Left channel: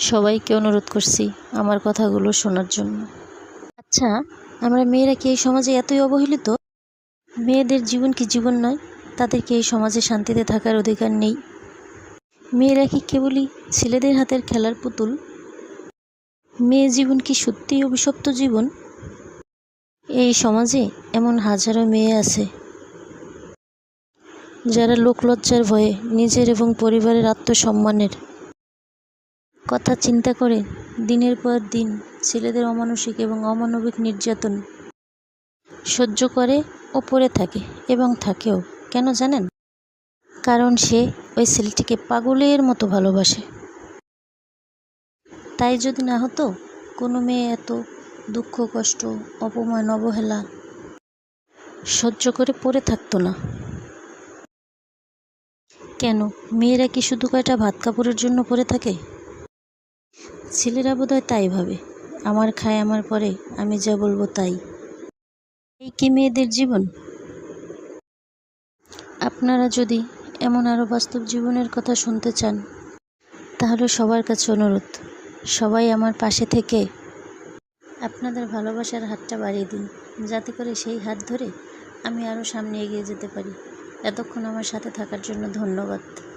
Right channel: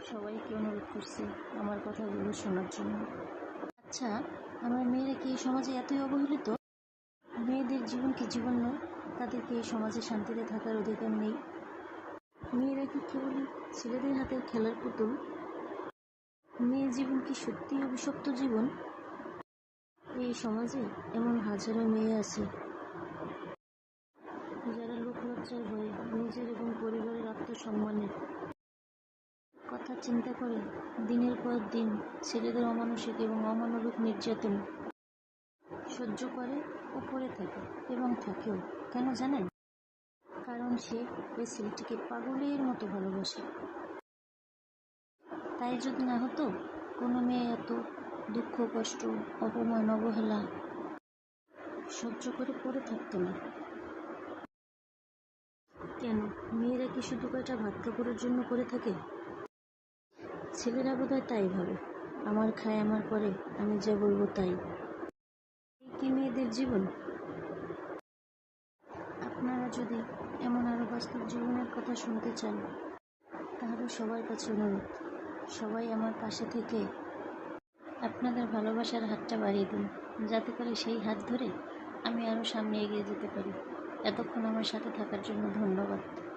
সবাইকে অনুরোধ করছি আমার কথাগুলো শোনার জন্য। আচ্ছা, আমরা মেয়েরা কি এই সমাজে এতই অবহেলিত? মেয়েদের জীবন কি জীবন নয়? তাদের কি এই সমাজে শান্তিতে থাকার অধিকার নেই? মেয়েরা কি কেবলই ছেলেদের হাতের খেলার পুতুল? মেয়ে জীবন কি সত্যিই অভিশপ্ত জীবন? এই সমাজে এমন হাজারো মেয়ে আছে যারা লোকলজ্জার ভয়ে নিজের এবং পরিবারের আত্মসম্মানের কথা চিন্তা করে দিনের পর দিন ছেলেদের অমানসিক এবং অমানবিক নির্যাতন সহ্য করে ও পড়ে থাকে এবং থাকেও। কেন জানেন? কারণ সে ওই ছেলেটিকে পাগলের মতো ভালোবাসে। তাই যদি না হতো, কোনো মেয়ে এত দুঃখ, কষ্ট, অপমান, অবহেলা সহ্য করে পড়ে থাকতো না। কেন মেয়েরা কি শুধু কয়টা ভাত কাপড়ের জন্য পড়ে থাকে? ছেলেরা বোধহয় তাই ভাবে, আমার খায় আমার পরে, আমি যা বলবো তাই। এই কি মেয়েদের জীবন? আপনারা যদি এমন আরও বাস্তব জীবনের কথা শুনতে চান, তাহলে সবার কাছে অনুরোধ, সবাই আমার পাশে থেকে আপনাদের ভালোবাসার হাতটা বাড়িয়ে দিন, যাতে করে সেই হাত ধরে আমি আরও সামনে এগিয়ে যেতে পারি। এতক্ষণ আমার সাথে থাকার জন্য ধন্যবাদ।